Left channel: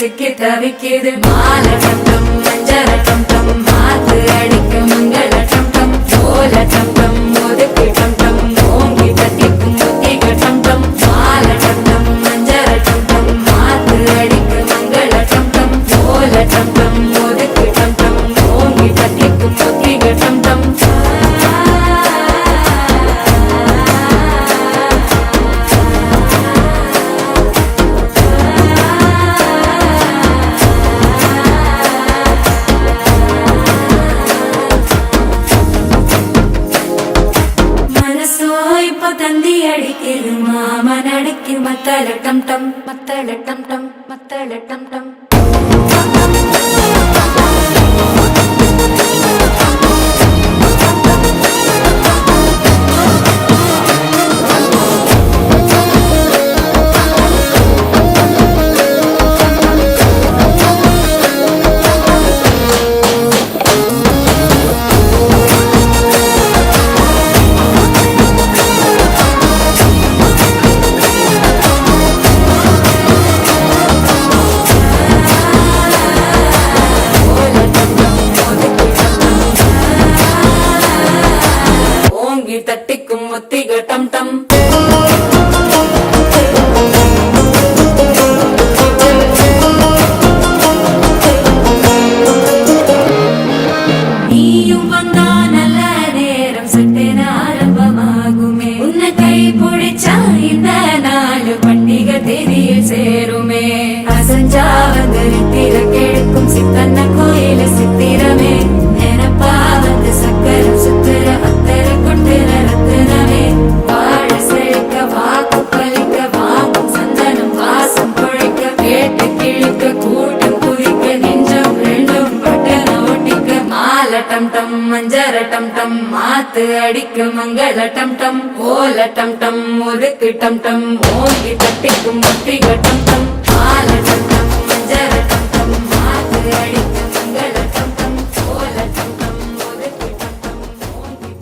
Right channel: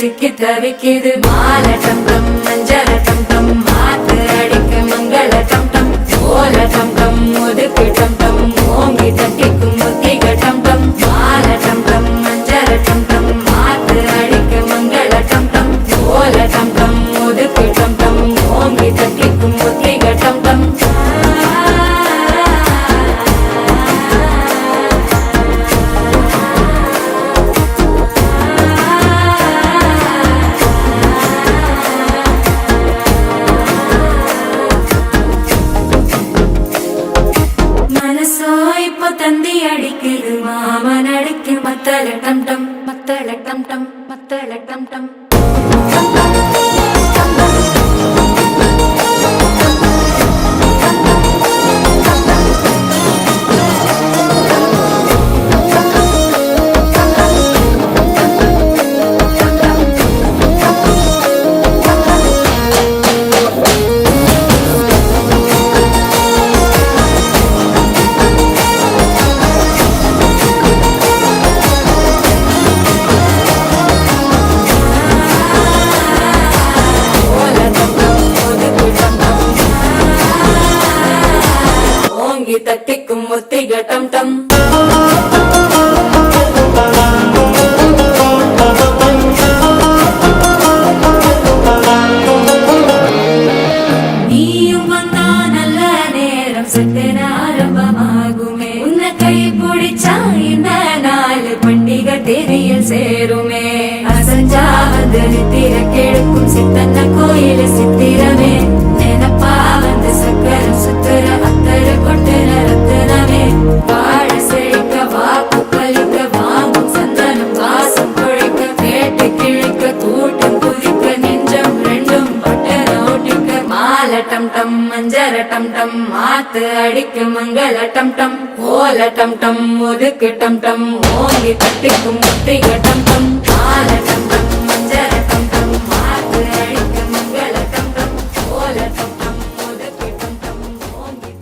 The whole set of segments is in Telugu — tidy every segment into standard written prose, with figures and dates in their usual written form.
சிக்கி தவிக்குது மால டம் டம் மஞ்சள டம் டம் மாத்து அடிக்க மங்கள டம் டம் ஓல டம் டம் ஒதுக்கு டம் டம் ஓங்கி தட்டிக்கும் புத்திக டம் டம் மால டம் டம் மஞ்சள டம் டம் மாத்து அடிக்க மங்கள டம் டம் ஓல டம் டம் ஒதுக்கு டம் டம் ஓங்கி தட்டிக்கும் புத்திக டம் டம் தந்தி அடிக்குது மாமன் அடிக்கு மத்தள டம் டம் மத்தள டம் டம் மத்தள டம் டம் தட்டிக்கும் முத்திக டம் டம் நீயும் வந்தா நல்ல நேரம் சட்டென ஆரம்பமாகுமே உன்னை கை பிடிச்சா இந்த நாள் பண்டிகை தேதியில் சேருமே அசஞ்சா வந்து நித்திர கெடுக்கும் சித்தன்ன கோயில சித்திரமே நினைப்பா வந்து சக்கர சுத்திர அத்தரு கொண்டு நடத்துனவே வாழ செழிக்க வாக்கு பலிக்க வாங்கும் சந்தனம் வாசம் குழைக்க கேட்டு கிழிக்க கூட்டம் குதிக்க நெஞ்சம் ரெண்டும் பட்டன ஒட்டிக்க மால டம் டம் மஞ்சர டம் டம் மாத்து அடிக்க மங்கள டம் டம் ஓல டம் டம் ஒதுக்கு டம் டம் ஓங்கி தட்டிக்கும் முத்திக டம் டம் மால டம் டம் மஞ்சர டம் டம் மாத்து அடிக்க மங்கள டம் டம் ஓல டம் டம் ஒதுக்கு டம் டம் ஓங்கி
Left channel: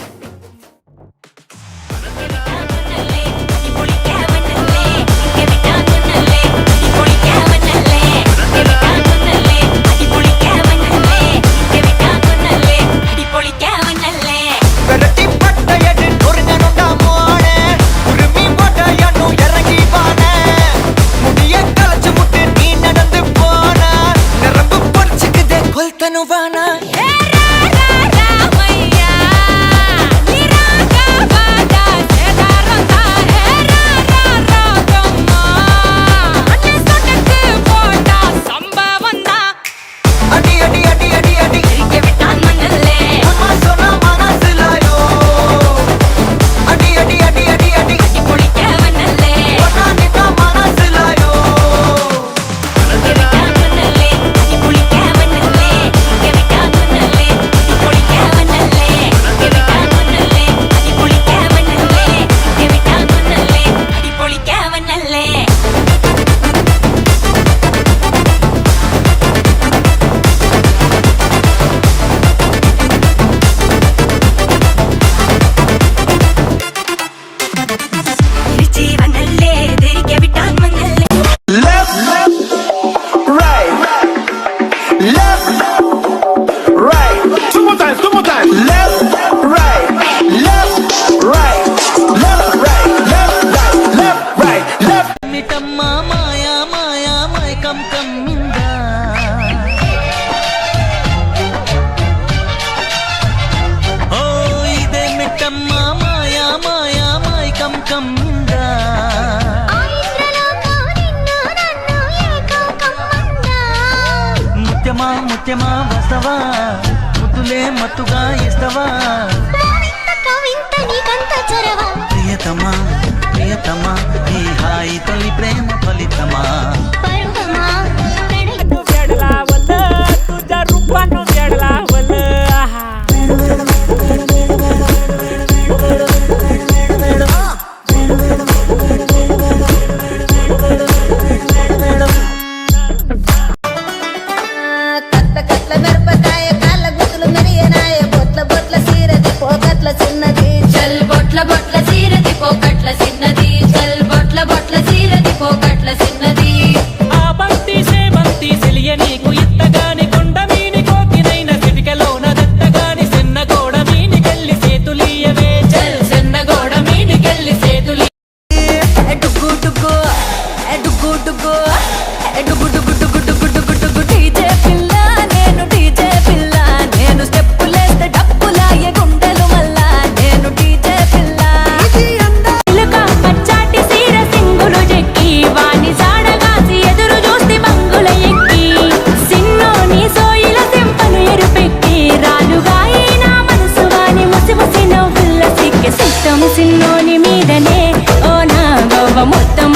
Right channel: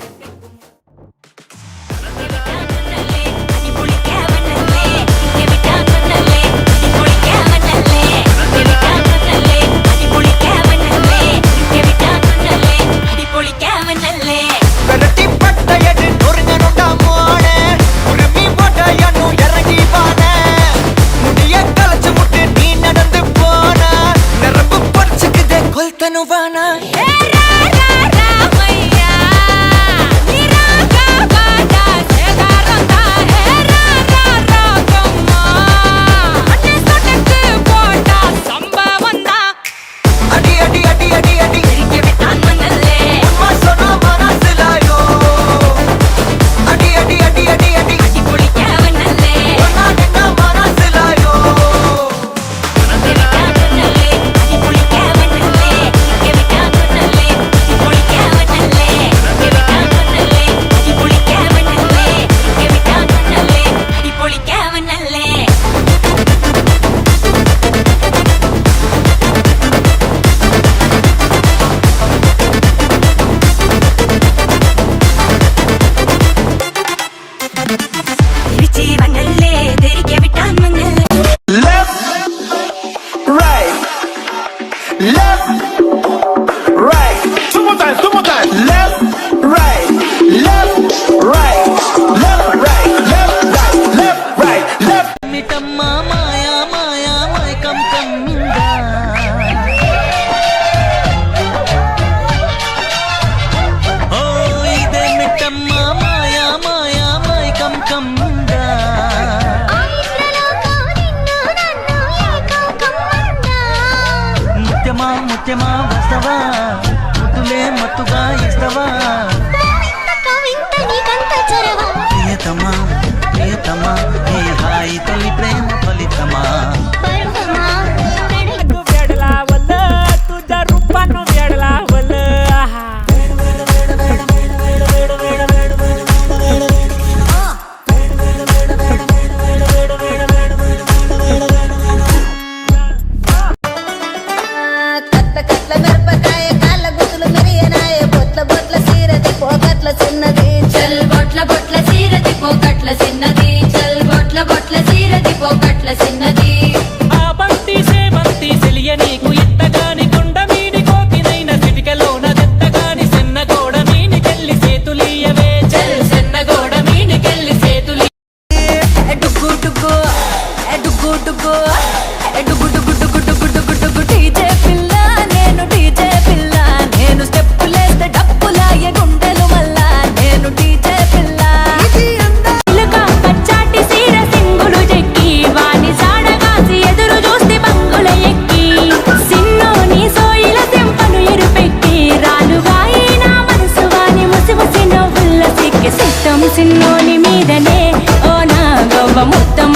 ముత్తమా ముత్యమా వస్తవా ముద్దులే మత్తుగా ఇస్తవా ప్రియతమా ప్రియతమా ఈ హాయి తొలి ప్రేమ ఫలితమా तुझ्या रूपानं वेडला वल కట్ల మిరపకాయ కాళ్ళ గుతులు మెరియనాయ బొట్ల బొట్ల సీరది పోకట్ల చిన్నది చల్ బొట్ల బొట్ల చీరతి పోకట్ల చిన్నది చల్ బొట్ల బొట్ల చీరతి పోకట్ల చిన్నది ఆ బంతి సేవంతి సెలియ నీకు ఇత్తగాని కొండ మీని కోతినైన సిటికలోన దెత్తగాని సెన్న గోడ మీనికెళ్ళి సేతులీయవే చల్ సెన్న గోడ మీనికెళ్ళి సేతులి డుగ్గు డుగ్గు డుగ్గు డుగ్గు డుగ్గు డుగ్గు డుగ్గు డుగ్గు డుగ్గు డుగ్గు డీజే పిల్ల నేను డీజే పిల్ల నేను స్టెప్పులేస్తే డప్పులాయే గుండెలు మల్లా నేను డీజే పిల్ల ఇలుక పచ్చాటి సీర సింగులు చెక్కి వాణి జాడగాసి ఎదురు చూస్తే బంగుల ఎక్కి సిన్నోని సోయిల సెంపను ఎరుపెక్కి రాలుగాయి నా మనసు వాని ముసి ముసి నవ్వుల్ల సిక్కి సిట్టం సిన్నోని మీదనే ఓ నా గవ్వ మొత్తం